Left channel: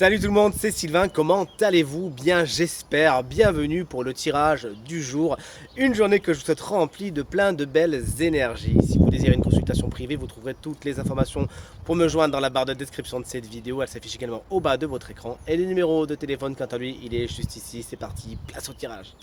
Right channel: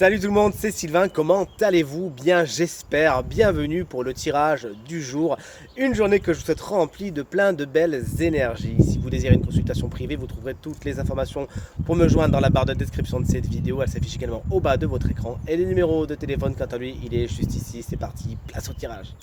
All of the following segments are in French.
Salut tout le monde, c'est Sylvain, comment allez-vous? Bien j'espère, bienvenue pour le tirage du jour, une journée que je vous souhaite remplie de plein de belles énergies. Si vous désirez une consultation privée, vous trouverez toutes les informations pour me joindre dans la barre de description de cette vidéo, elle s'affiche également au bas de votre écran. Et le numéro de téléphone quant à lui, il est juste ici, c'est parti, place au tirage.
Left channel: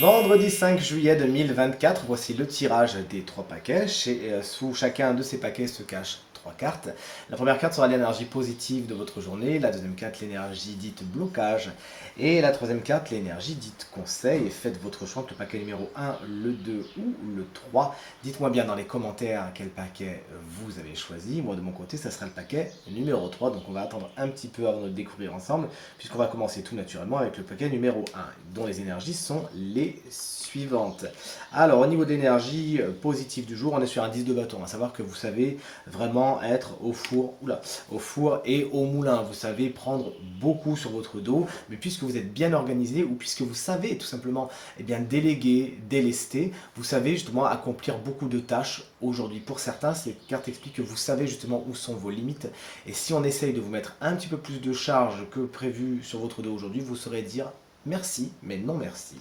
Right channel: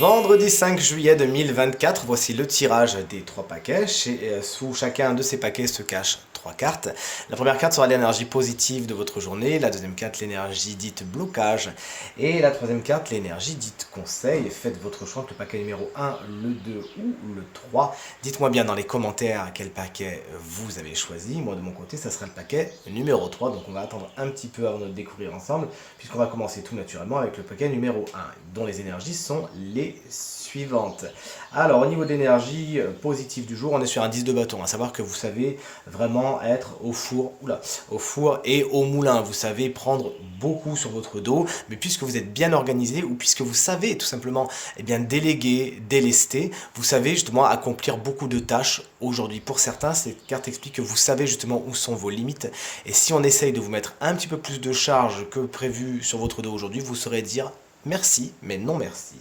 Vendredi 5 juillet 2024, voici le tirage des trois paquets. Sous chacun de ces paquets se cachent trois cartes. La première carte sera l'énergie positive de votre journée, la deuxième carte l'énergie dite blocage et la troisième carte l'énergie dite conseil. Faites votre choix entre le paquet numéro 1, le 2 ou le 3. Dites-moi bien dans les commentaires quel paquet vous avez choisi. Moi de mon côté ça sera le paquet numéro 3, donc on va attendre un petit peu avant de le découvrir ensemble puisqu'on va commencer tout naturellement avec le paquet numéro 1 dont les énergies sont les suivantes. Alors au niveau d'énergie positive du jour, on est sur un 10 de bâton, à savoir que vous savez vraiment être au four et au moulin. Vous savez prendre beaucoup sur votre dos, mais puisque vous êtes bien organisé ou puisque vous savez tout simplement déléguer, délester, vous savez justement accomplir beaucoup de tâches aujourd'hui. Pour certains, cette carte explique que vous savez justement où sont vos limites et si on essaye de vous mettre un petit peu plus de charge que prévu sur votre dos aujourd'hui, vous saurez dire merci, mais non merci.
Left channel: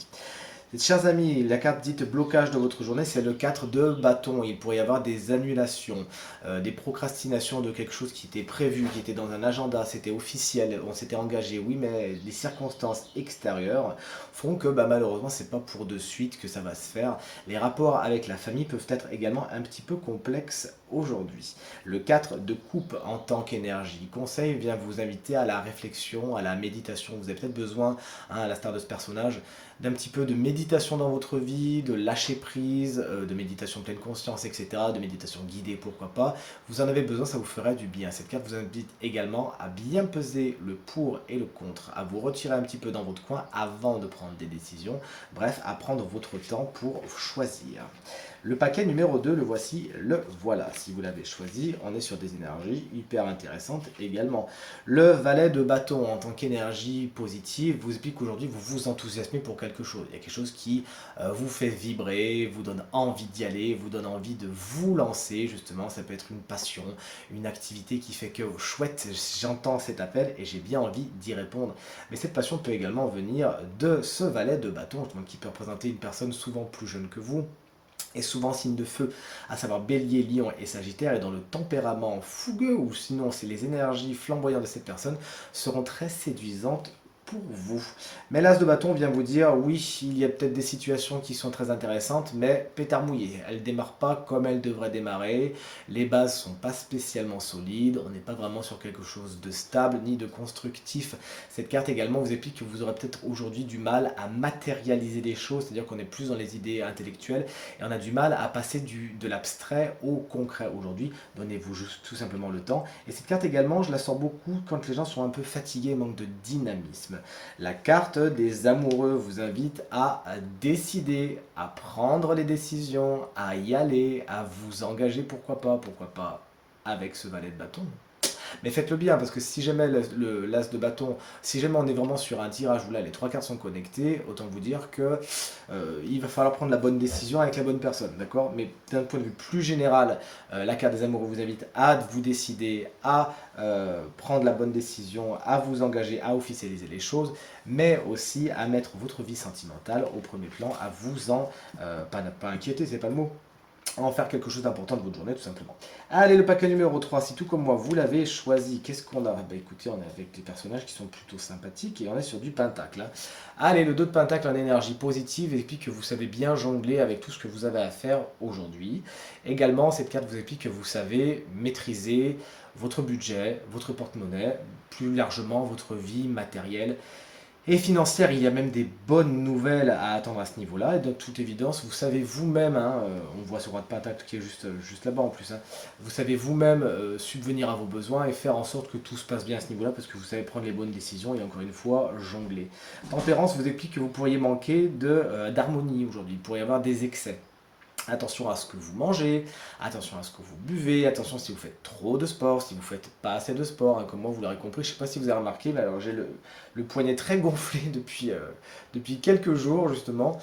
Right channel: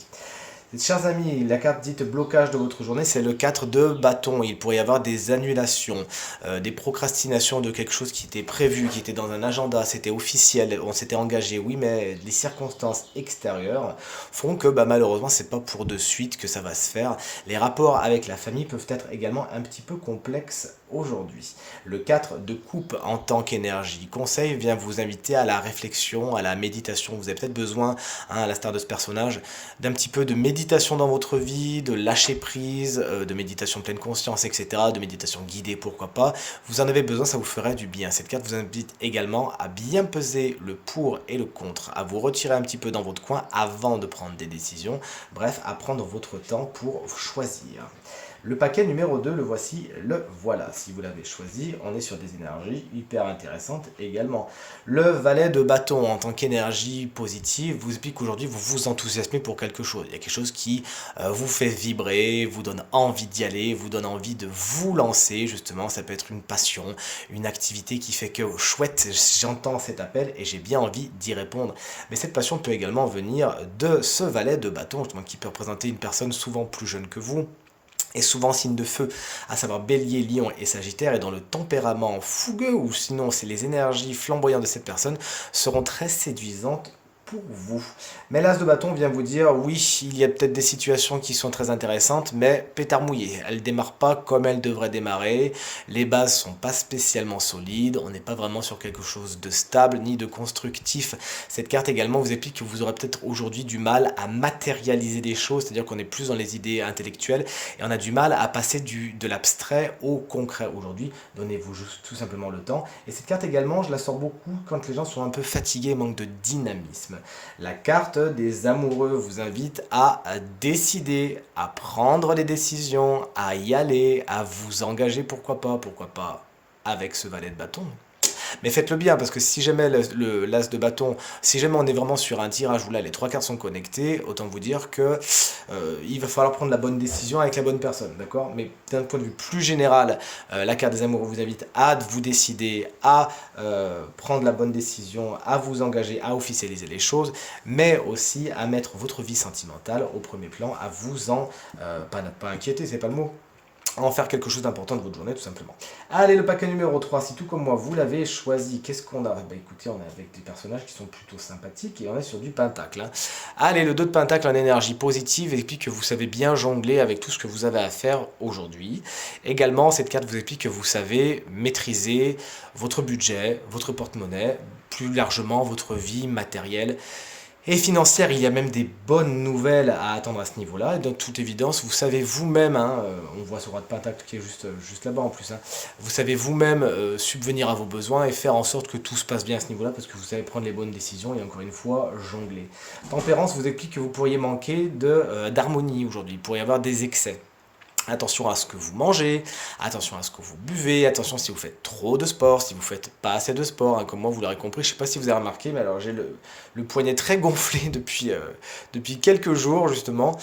Chers amis, la carte dite blocage de votre journée, c'est le 4 de bâton. Il pourrait y avoir des annulations, des procrastinations de quelque chose qui était prévu, qui était dans un agenda, c'était officiel, on s'était engagé, oui, mais les circonstances extérieures font que malheureusement, c'est pas pour de suite que ça va se faire. Les rapports avec la famille peuvent être également un petit peu complexes aujourd'hui. Le 4 de coupe en tant qu'énergie conseil vient vous inviter à la réflexion, à la méditation. Vous avez peut-être besoin, à la star de ce personnage, d'un petit peu de méditation dans votre vie, de lâcher prise, de méditation pleine conscience, etc., de méditation guidée, pourquoi pas. Vous en avez besoin, ça vous ferait du bien. Cette carte vous invite également à bien peser le pour et le contre, à vous retirer un petit peu dans votre coin avant de prendre des décisions, bref, à prendre votre temps pour choisir. Le paquet numéro 2, le voici, le voilà. Si vous l'avez choisi, on est sur des énergies hyper intéressantes également. Le valet de bâton en tant qu'énergie positive vous explique qu'aujourd'hui vous vous enthousiasmez pour quelque chose. Il y a quelque chose qui vous fait vibrer, vous donne envie d'y aller, vous donne envie de vous lancer justement. Ça peut être une passion, une activité qui fait que chouette, j'entends cet appel et j'ai bien envie d'y répondre. Mais cette passion peut également venir de ce valet de bâton justement qui peut représenter une personne souvent plus jeune que vous et souvent signe de feu, à savoir Bélier, Lion et Sagittaire, et dont le tempérament fougueux, ou sinon c'est les énergies flamboyantes de cette personne, seront très séduisantes pour vous. Mais l'As de bâton vient vous dire, oui, il y a peut-être des situations qui sont très intéressantes, mais pétard mouillé, elles ne démarrent pas comme elles devraient démarrer, les bases sont pas spécialement solides, on n'est pas vraiment sur quelque chose de stable ni de constructif. Cette carte également vous explique que vous aurez peut-être aujourd'hui du mal à matérialiser des choses, c'est-à-dire qu'on est plus dans les idées intellectuelles, et on a du mal à passer de l'abstrait au concret aujourd'hui. Donnez-vous juste tout simplement le temps. Et cette carte également, je la sors beaucoup quand les gens sont un peu fatigués, manquent de dynamisme. La carte des amoureux vous invite à décider, à prendre les décisions, à y aller, à vous engager, pourquoi pas avec ce valet de bâton. Mais faites-le bien, parce que si jamais l'as de bâton, si jamais on est vraiment sur un tirage où là les trois cartes sont connectées, autant vous dire que il va falloir prendre la bonne décision avec la bonne personne, d'accord? Mais d'un point de vue plus général, la carte des amoureux vous invite à vous décider, à prendre la bonne décision, à vous engager, à officialiser les choses, mais aussi à mettre votre vie sentimentale au premier plan, à vous en, pas inquiéter, c'est pas le mot, en faire quelque chose d'important de votre journée tout simplement. Allez, le paquet numéro 3, si tout comme moi vous l'avez choisi, qu'est-ce qu'on a? Écoutez, on est avec des personnages qui sont plutôt sympathiques et on est sur du pentacle, hein. Allez, le 2 de pentacle en énergie positive explique que vous savez bien jongler avec tout ce que vous avez à faire aujourd'hui. Également, cette carte vous explique que vous savez maîtriser votre budget, votre porte-monnaie, plus largement votre vie matérielle et financière. Il y a même des bonnes nouvelles à attendre à ce niveau-là. Et de toute évidence, vous savez vous-même, hein, on voit ce roi de pentacle qui est juste là-bas en plus, hein, vous savez vous-même subvenir à vos besoins et faire en sorte que tout se passe bien à ce niveau-là parce que vous savez prendre les bonnes décisions et encore une fois, jongler. Tempérance vous explique que vous pourriez manquer d'harmonie aujourd'hui, il pourrait y avoir des excès. Attention à ce que vous mangez, attention à ce que vous buvez, attention si vous faites trop de sport, si vous faites pas assez de sport, hein, comme moi vous l'aurez compris, je sais pas si vous avez remarqué, mais alors j'ai le poignet très gonflé depuis quelques jours justement,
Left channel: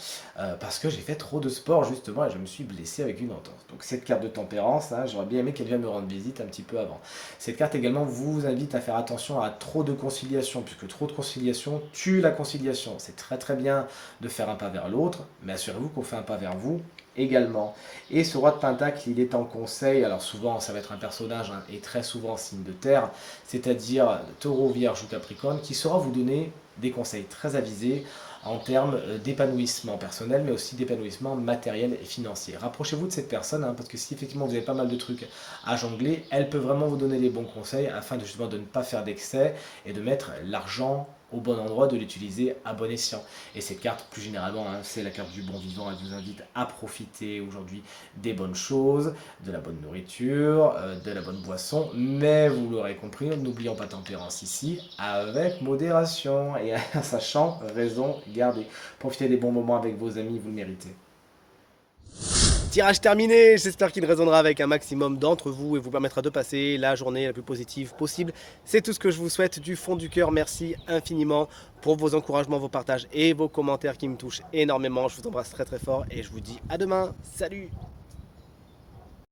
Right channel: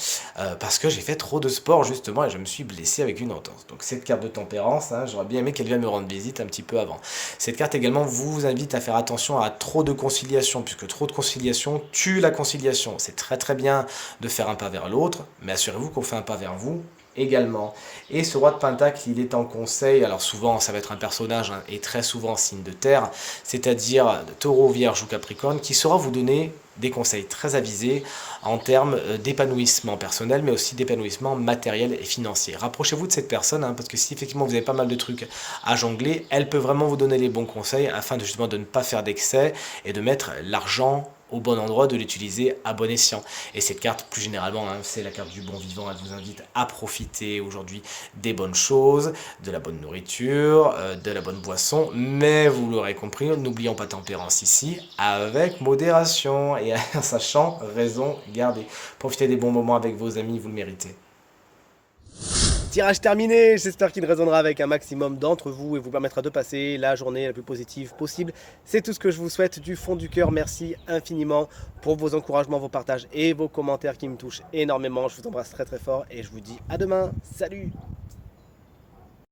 parce que j'ai fait trop de sport justement et je me suis blessé avec une entorse. Donc cette carte de tempérance, hein, j'aurais bien aimé qu'elle vienne me rendre visite un petit peu avant. Cette carte également vous invite à faire attention à trop de conciliation, puisque trop de conciliation tue la conciliation. C'est très très bien de faire un pas vers l'autre, mais assurez-vous qu'on fait un pas vers vous également. Et ce roi de Pentacle, il est en conseil, alors souvent ça va être un personnage, hein, et très souvent signe de terre, c'est-à-dire taureau, vierge ou capricorne, qui saura vous donner des conseils très avisés en termes d'épanouissement personnel, mais aussi d'épanouissement matériel et financier. Rapprochez-vous de cette personne, hein, parce que si effectivement vous avez pas mal de trucs à jongler, elle peut vraiment vous donner les bons conseils afin de justement de ne pas faire d'excès et de mettre l'argent au bon endroit, de l'utiliser à bon escient. Et cette carte, plus généralement, hein, c'est la carte du bon vivant. Elle vous invite à profiter aujourd'hui des bonnes choses, de la bonne nourriture, de la bonne boisson. Mais vous l'aurez compris, n'oublions pas tempérance ici, avec modération et en sachant raison garder. Profitez des bons moments avec vos amis, vous le méritez. Tirage terminé, j'espère qu'il résonnera avec un maximum d'entre vous et vous permettra de passer la journée la plus positive possible. C'est tout ce que je vous souhaite du fond du cœur. Merci infiniment pour vos encouragements, vos partages et vos commentaires qui me touchent énormément. Je vous embrasse très très fort et je vous dis à demain. Salut!